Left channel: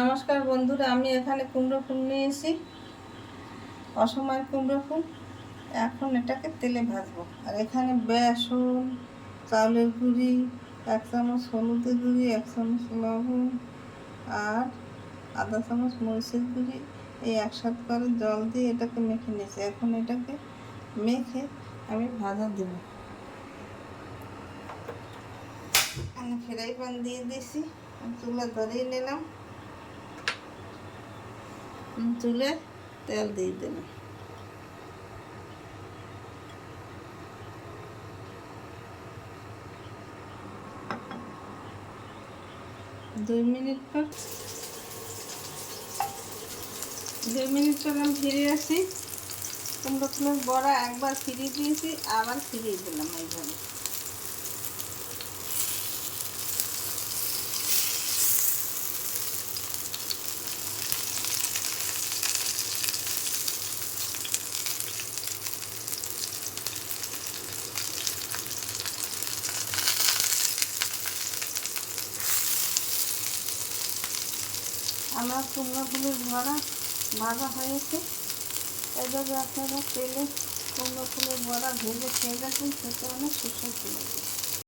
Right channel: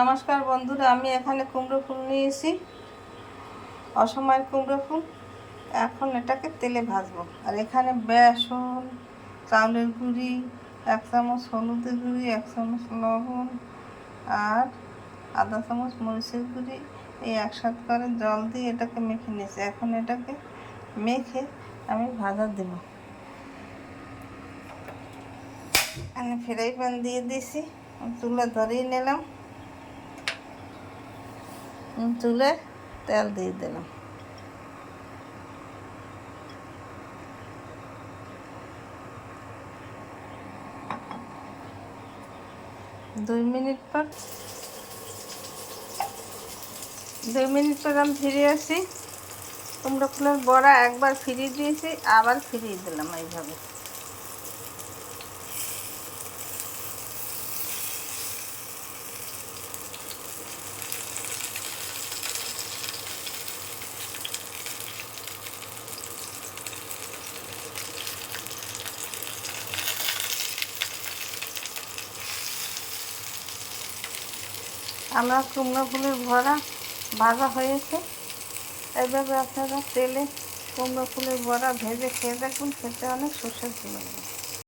নমস্কার বন্ধুরা, আমি এখানে কুমড়ো ফুল নিয়েছি, অসময়ের কুমড়ো ফুল। এখন এটাকে তেলে ভাজবো। আর এখানে বেসন, চাউলের গুঁড়ি, 1 চামচ হলুদের গুঁড়ি, 1 চামচ লবণ আর আধা চামচ মরিচের গুঁড়ি এই একসাথে করে জল দিয়ে এটাকে মেখে নিয়েছি। এখন এটাকে মেখে আমি ভাজা দেব। আমি ফ্রাই প্যান দিয়ে দিয়েছি, চুলা ধরিয়ে নিলাম, চুলে তেল দিয়ে দিলাম। দুই মিনিট পর আমি ফিরে আসি। কুমড়ো ফুলের বড়া একবার ফিরিয়ে দিয়েছি, আবার ফিরিয়ে দিলাম এইভাবে। আমার কুমড়ো ফুলের বড়া ভাজা হয়েছে। এইভাবে আপনারা তেলে কুমড়ো ফুলের বড়া ভেজে খেয়ে দেখুন, খেতে অনেক সুস্বাদু লাগবে।